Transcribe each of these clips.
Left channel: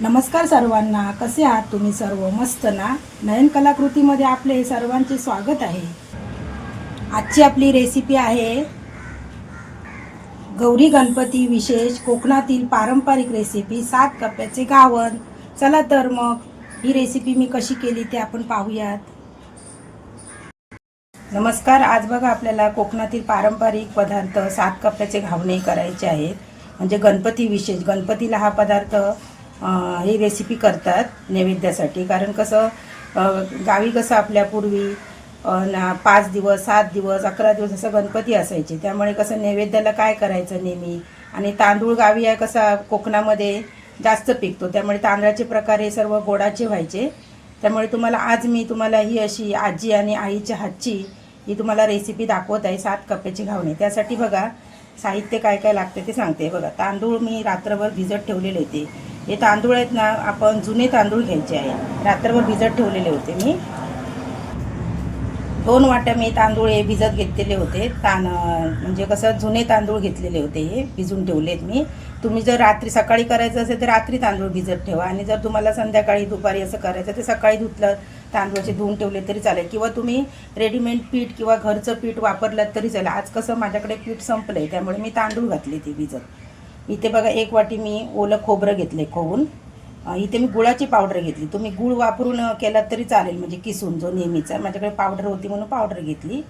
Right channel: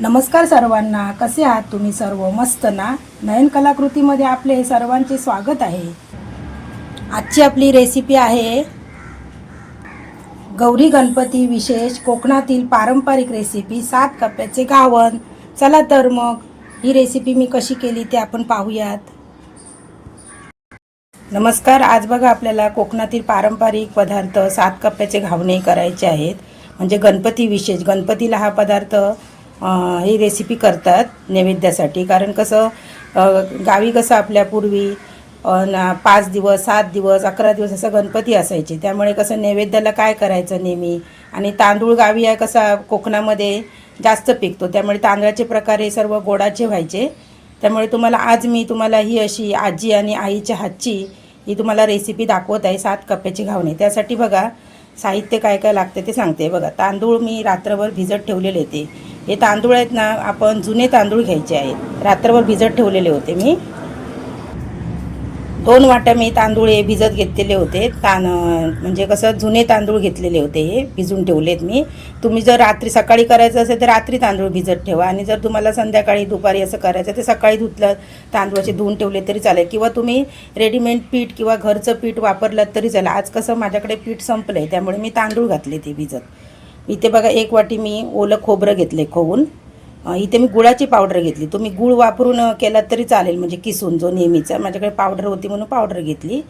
नमस्कार सर्वांना कसे आहात तुम्ही सर्व? मस्त ना? नयन कलाकृतीमध्ये आपले सर्वांचे स्वागत आहे. आजची आपली रेसिपी आहे गौरी गणपती विशेष कोकणातील पारंपरिक रेसिपी सात कप्प्याचे गावण चला तर मग ही रेसिपी मी कशी केली ते आपण पाहूयात. नमस्कार आज बघा आपल्याला कोकणातील पारंपरिक पदार्थ सात कप्प्याचे घावणे करायचे आहेत. म्हणजे गणपती विशेष गणपतीला हा पदार्थ ही रेसिपी करतात नैवेद्यासाठी. कारण कसं गावी कसं आपल्या पूर्वी ना- पाच दिवस सात दिवस अकरा दिवस असं गणपती असायचे. त्यामुळे कसं नैवेद्याला काय करायचं नेहमी? आणि तांदूळ गावी आहे कसा कोकणामध्ये जास्त पिकतो. त्यामुळे तांदळाचे प्रकार हे सर्व गोडाचे व्हायचे. त्यामुळे तुम्हाला आज मी तुम्हाला ही अशी आजी आणि आईच्या हातची ही तुम्हाला रेसिपी दाखवत आहे सात कप्प्याची घावणे. त्यासाठी बघा साहित्य काय काय लागतं ते सांगते. बघा तांदूळ मी रात्रभर भिजत ठेवलेले होते. हे तांदूळ आहेत ना आपण जुने तांदूळ घ्यायचे आहेत. रात्रभर भिजत ठेवलेले होते मी. दोन वाट्या मी तांदूळ हे भिजत घेतलेले होते. तान म्हणजे कसं जुने तांदूळ घेतलेले होते हे भिजून ठेवलेत मी. तुम्ही जर रात्री सकाळी करायचं असेल तर रात्री तांदूळ भिजत ठेवा. आणि जर तुम्हाला संध्याकाळी दुपारी असं करायचं तर सकाळी धुतलं तांदूळाचे धुवून ठेवले तरी चालेल. किंवा तुम्ही रेडीमेड पीठ किंवा घरचं पीठ वापरलं तरी चालेल. आज कसं माझ्याकडे पीठ संपलं आहे त्यामुळे मी तांदूळ घातले ते भिजत. इथे बघा एक वाटी मी ओलं खोबरं घेतलं खोवून इथे मी गुळाची पावडर घेतली. तुम्ही गुळ वापरून केला केलात तरी चालेल. म्हणजे किसून जो नेहमीचा. माझ्याकडे पावडर होती म्हणून पावडर घेतली.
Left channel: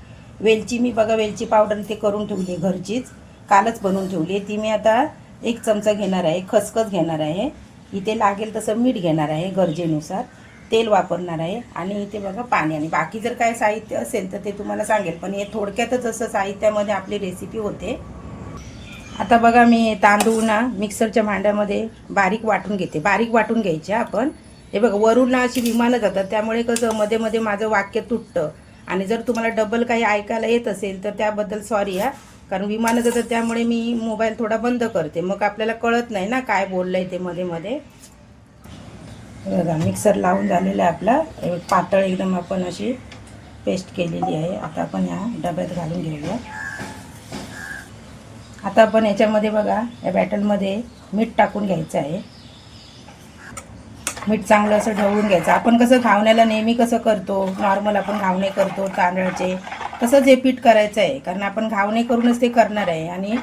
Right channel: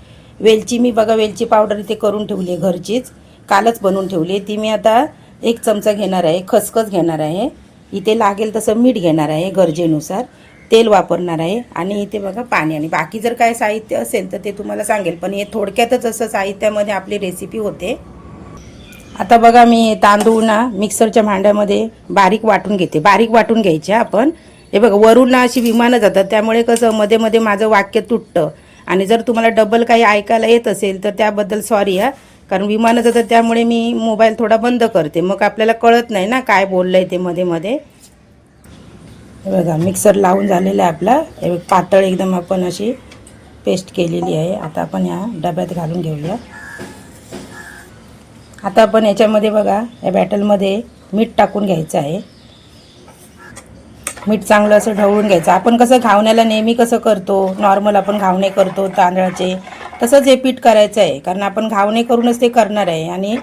वेलची मी बघा वेलची पावडर इथे करून ठेवली आहे घरचीच. कालच बनवून ठेवली. आहे ती मी आता एक चमचा घेणार आहे. खसखस घेणार आहे. इथे लागेल तसं मीठ घेणार आहे गरजेनुसार. तेल वापरणार आहे. आणि इथे बघा पाणी. आणि बाकी जर काय साहित्य असेल तर ते तुम्हाला सांगेल. पण हे थोडक्यातच असं साहित्यामध्ये आपली रेसिपी होते. आता बघा मी तांदूळ ना मिक्सरच्या भांड्यामध्ये बारीक वाटून घेते. बारीक वाटून घ्यायचे आपण. हे बघा वरून ना अशी विमानं जातात. त्यामुळे कसं मध्ये मध्ये माझं वाक्य तुटतं. आणि जर तुम्हाला डबल काही ऐकायला येत असेल तर त्याबद्दल सॉरी हा. कारण विमानं जातात त्यामुळे मी मोबाईल थोडा बंद करते. मग आपल्याला कळत नाही ना काय बोललं आहे ते मध्ये मध्ये. हे बघा मिक्सर लावून झालेलं आहे आपला. पातळ एकदम आपण अशी पेस्ट केलेली आहे. आता आपण या डब्यात घालून घेऊया. आता आपण याच्यामध्ये बघा या बॅटलमध्ये मीठ टाकून घ्यायचं आहे. मीठ चांगलं असं ढवळून घ्यायचं. आपण कसं घावण्याला नेहमी कसं करतो नॉर्मल आपण घावणे करतो तांदळाचे तसंच हे पीठ करायचं आहे. कारण आपण घावणे करूनच ते करणार आहे. आणि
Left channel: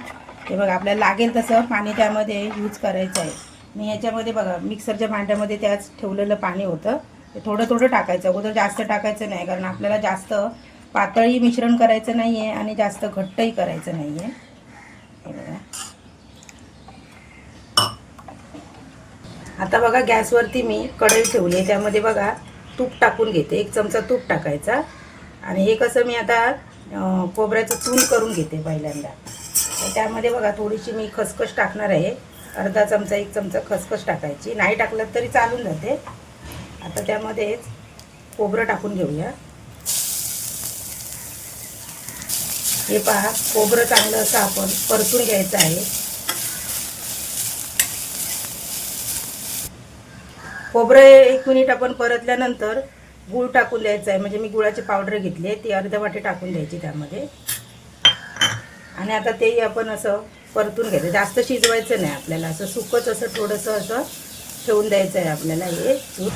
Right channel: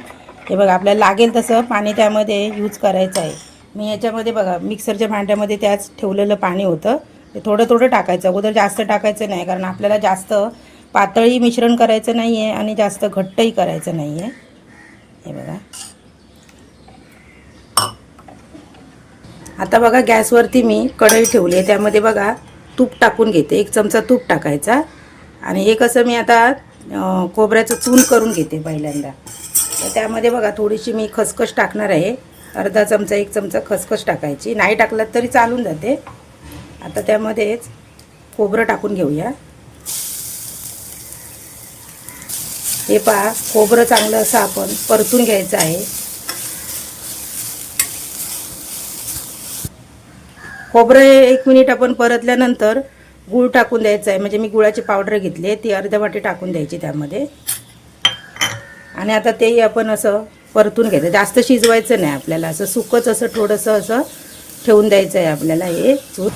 हे बघा आपल्याला लागेल तसं पाणी त्यामध्ये यूज करायचं आहे. मी याच्यामध्ये बघा मिक्सरच्या भांड्यामध्ये त्याच ठेवलेलं पाणी होतं. ते थोडं थोडं टाकायचं. अगोदर जास्त टाकायचं नाही. कारण आपल्याला जास्त पातळी मिश्रण करायचं नाही आहे आणि जास्त घट्टही करायचं नाही आहे हे बघा आता बघा गॅसवरती मी कढई ठेवली आहे. त्यामध्ये बघा तूप टाकून घेते. एक चमचा तूप टाकायचा. आणि हे कसं मी आता कोबऱ्याचं खोबऱ्याचं चून करून घेते पहिल्यांदा. तर त्यामध्ये बघा थोडीशी मी खसखस टाकणार आहे. अर्धा चमचा एक चमचा खसखस टाकायची. नाही टाकलं तरी चालून जाते. आता त्यामध्येच खोबरं टाकून घेऊया. हे पहा खोबरं चांगलं असं आपण परतून घ्यायचं आहे. खोबरं एक मिनिट आपण परतल्यानंतर गूळ टाकून द्यायचं आहे. म्हणजे मी गुळाची पावडर घेतली आहे ती अर्ध्या वाटी टाकून द्यायची त्यामध्ये. आणि आता तेही आपण असं परतून घ्यायचं जास्त शिजवायचं नाही आपल्याला. असं सुकच असं थोडंसं असं ठेवून द्यायचं आहे आपल्याला हे. चूर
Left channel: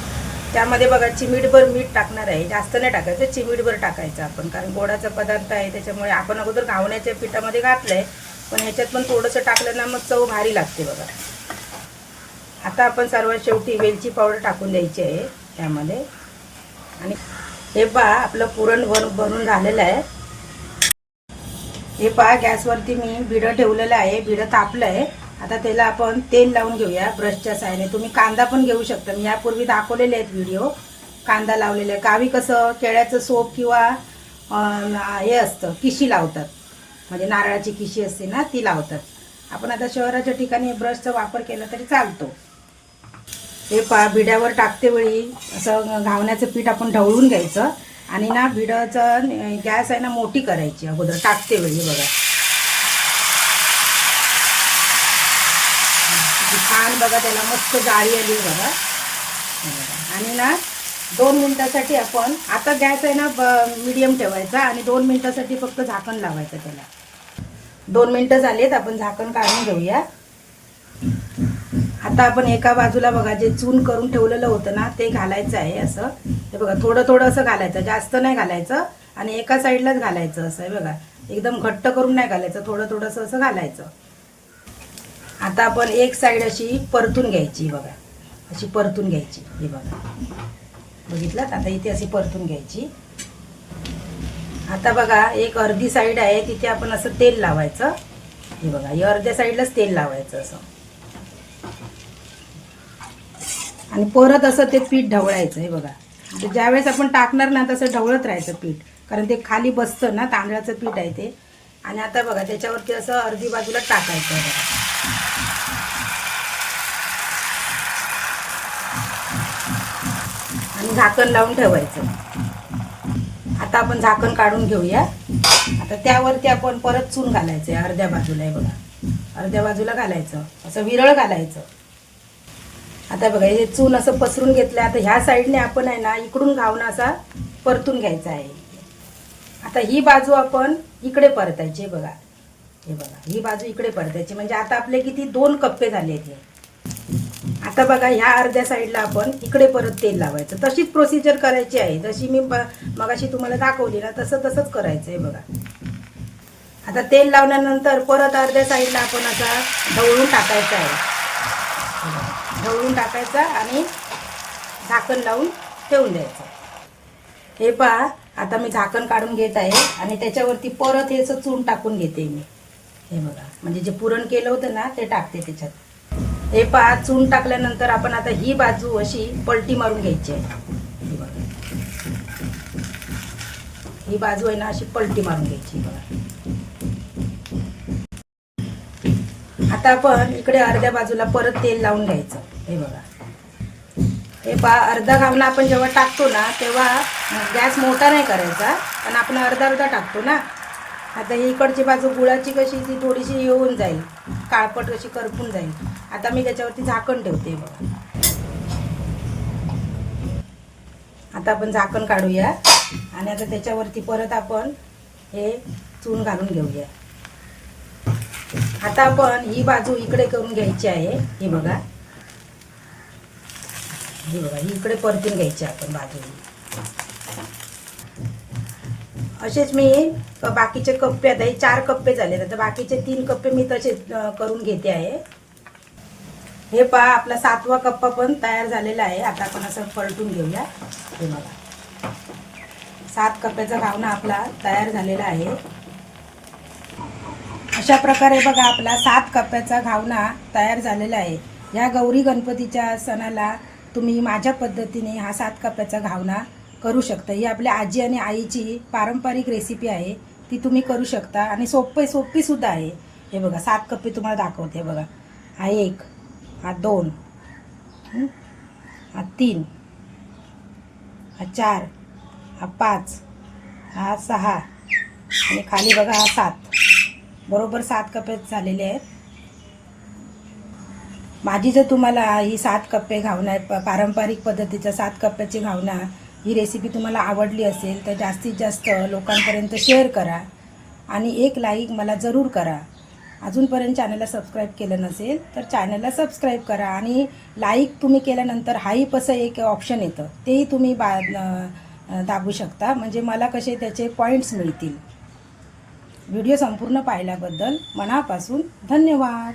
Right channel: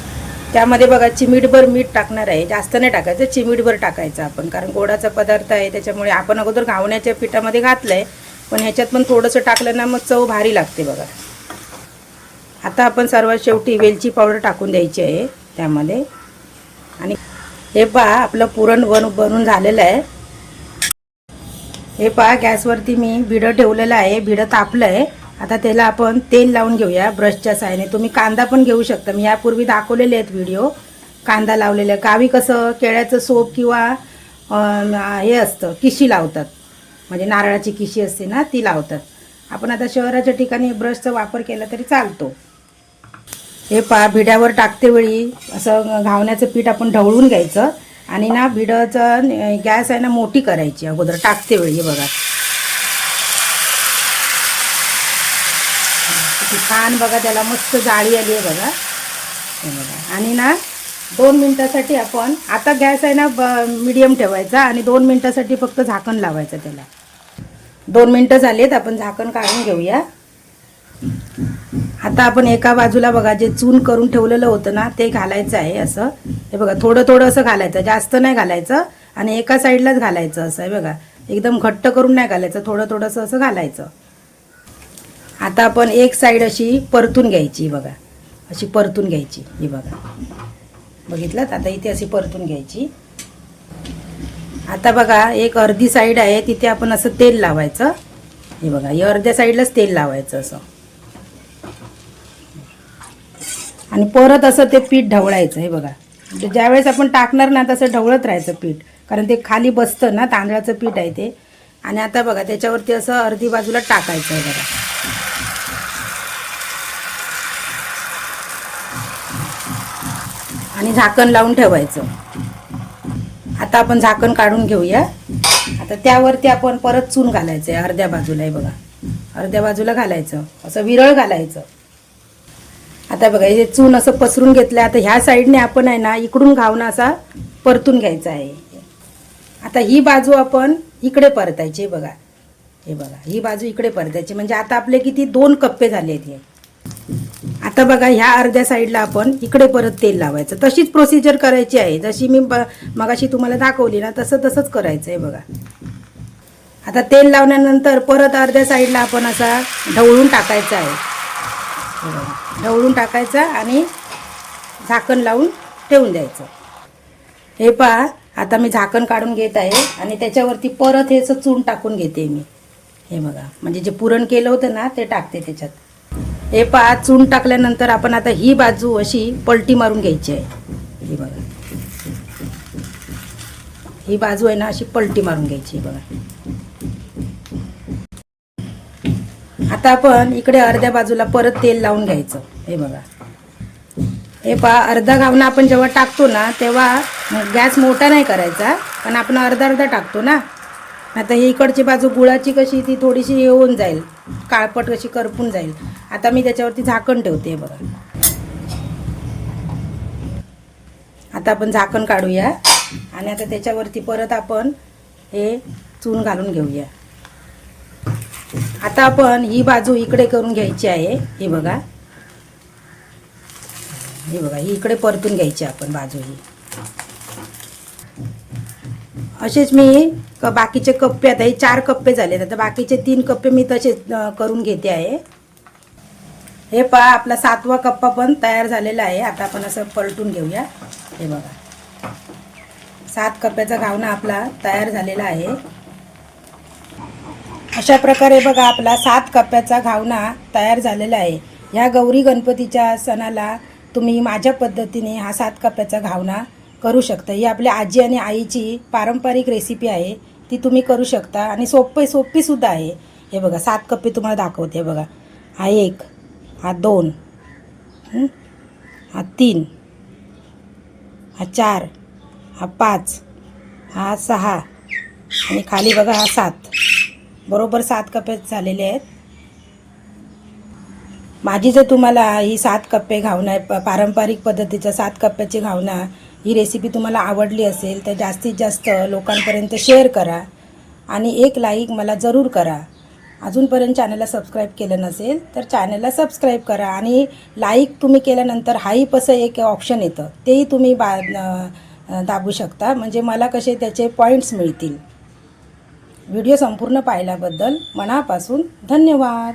त्यामध्ये बघा चिमीटभर मीठ टाकणार आहे. जास्त नाही टाकायचं चिमीटभर टाकायचं आपण. कारण गोडाचा पदार्थ आहे त्याच्यामुळे आपण अगोदर घावण्याच्या पिठामध्ये घातलं आहे पण ह्याच्यात पण थोडंसं टाकलं ना मग चव भारी लागते बघा. आता आपण सर्वात शेवटी वेलची पावडर टाकून द्यायची आहे त्यामध्ये. आणि हे पहा आपलं पुरण बन बनून झालेलं आहे. हे पहा गॅसवरती मी भिडं ठेवलेलं आहे. भिडं तापलं आहे आता त्याला आपण तेल लावून घेऊया ब्रशच्या साहाय्याने. तुम्ही कांदा पण घेऊ शकता. मी यापूर्वी दाखवलेले आहेत व्हिडिओ कांदा लावलेला. आहे गावी कसं केळ्याचं सोप किंवा हे असतं किशी लावतात. म्हणजे नारळाची किशी असते ना ती लावतात. आपण आता शहराच्या ठिकाणी ब्रशचा वापर केला तरी चालतो. हे पा भिड्यावर टाकते वेळी असं घावण्याचं पीठ आपण ढवळून घ्यायचं. आणि ना भिडाचं गॅस आहे ना मोठी करायची अगोदर. टाकते वेळी बघा किती छान बघा त्याला मस्त जाळी आली आहे बघा. आणि ना दोन मिनटासाठी आपण आता गॅस आहे ना मिडियम ठेवायचा आणि दोन मिनटासाठी फक्त झाकण लावायचं त्याला. दोन मिनटं झालीत आपण झाकण काढून घेऊया. आता आपण एका बाजूला बघा जे चून करून ठेवलेलं होतं ना ते घालायचं आहे असं. हे बघा थोडं थोडं असं घालायचं जास्त नाही घालायचं. आणि एका साईडलाच घालायचं असं आहे बघा. एकदम घट्ट करून नाही घालायचं थोडं थोडंसं असं घालायचं. आता आपण एक साईड अशी परतून घ्यायची बघा. अशी परतून घ्यायची ही बघा. बघितलं आता इथे अशी परतून घ्यायची. आता बघा एक अर्धी साईड आहे तिथे आपण असं तेल लावायचं. हे बघा या अर्ध्या साईडलाच तेल लावायचं असं. आणि परत असं ते पीठ ढवळायचं हे बघा. म्हणजे ज्यावेळेस आपण टाकणार ना तसं ढवळत राहायचं पीठ. कारण ते खाली बसतं ना तांदळाचं पीठ आहे ते. आणि आता बघा त्याच्यावरती असं अर्धी बाजूला टाकायचं आहे बघा. आणि झाकण लावून ठेवायचं. आता आपण झाकण काढून घेऊया. आता त्यावरती आपण परत चून घालायचं आहे अर्ध्या बाजूला आहे बघा. अर्ध्या बाजूला घालायचं. असं विरळ घालायचं. आता बघा हे चून असं पसरून घेतलं आता ह्या साईडने आपण आहे ना इकडून घावून असा परतून घ्यायचा आहे. आता ही बाजू आपण इकडे परतायची आहे बघा. हे बघा ही बाजू इकडे परतायची. म्हणजे आता आपले किती? दोन कप्पे झाले आहेत आता बघा ह्या अर्ध्या साईडला आपण इकडे परत तेल लावायचं. तशीच प्रोसिजर करायची आहे. जशी मी मगाशी तुम्हाला दाखवली ना तसं तसंच करायचं आहे बघा. आता तेल लावल्यानंतर परत अर्ध्या साईडला आपण असा ढवळून टाकायचा आहे. ढवळून टाकायचा आणि झाकण लावून ठेवून द्यायचं. हे पहा आता मी झाकण काढून घेत आहे आणि त्याच्यावरती परत हे असं चून टाकून घेते मी. हे बघा म्हणजे जे पुरण केलं होतं ना ते टाकते त्याच्यात. हे पहा चून टाकल्यानंतर आपण आता ही बाजू अशी पलटी मारून घ्यायची आहे. ही बघा. ही बाजू आहे ना अशी पलटी मारून घ्यायची बघा. आता आपण इकडे अर्ध्या बाजूला परत तेल लावून घ्यायचं. हे बघा. हे पहा अर्धा गावना आपण जेव्हा टाकतो ना तेव्हा गॅस मोठा नाही करायचा पण आपण अर्धा अर्धा टाकतो ना. आता ही इकडची बाजू गुळाची कशी ती थोडीशी हे होऊन जाईल. काळपट कशी करपून जाईल. आता मी त्याच्यावरती झाकण ठेवते हे बघा. आता आपण झाकण काढूया. आणि आता त्याच्यावरती परत आपण हे चून घालून घेऊया. आता आपण ही बाजू इकडे करून घ्यायची आहे. हे बघा. हे बघा ही इकडे परतून घ्यायची आपण बाजू ही असेच मी क- बाकीचे कप्पे आता हे चार कप्पे झाले आता बाकीचे तीन कप्पे मी तसेच करून घेते आहे. हे पहा आपला सातवा कप्पा पण तयार झालेला आहे. आता आपण असं पलटून घेऊया. हे बघा. सात कप्प्याचा गावना आपला तयार झालेला आहे. अशा प्रकारे बघा आपला सात कप्प्याचा घावना तयार झालेला आहे. ह्या गौरी गणपतीच्या सणाला तुम्ही माझ्या पद्धतीने हा सात कप्प्याचा घावना करू शकता. ही आपल्या आजी आणि आईची पारंपरिक रेसिपी आहे. ती तुम्ही करू शकता आणि सोपे सोपीसुद्धा आहे. हे बघा सात कप्पे तुम्हाला दाखवते बघा. हा एक हा दोन हा? तीन हा चार हा पाच हा सहा आणि खाली बघा हा सात. बरोबर सात कप्पे झालेले आहेत. माझी जर तुम्हाला ही सात कप्पे घावना प- पारंपरिक पद्धतीच्या सात कप्प्याची घावना ही रेसिपी तुम्हाला आवडली असेल तर जास्तीत जास्त लोकांपर्यंत शेअर करा आणि एक लाईक मला जरूर करा. अजूनपर्यंत चॅनलला सबस्क्राईब केलं नसेल तर चॅनलला सबस्क्राईब करा आणि लाईक तुम्ही केल्यानंतर हाईप असं एक ऑप्शन येतं तेही तुम्ही बा दाबू शकता. म्हणजे मला कसे त्याचे पॉईंट्स मिळतील. व्हिडिओ संपूर्ण पाहिल्याबद्दल मनापासून धन्यवाद.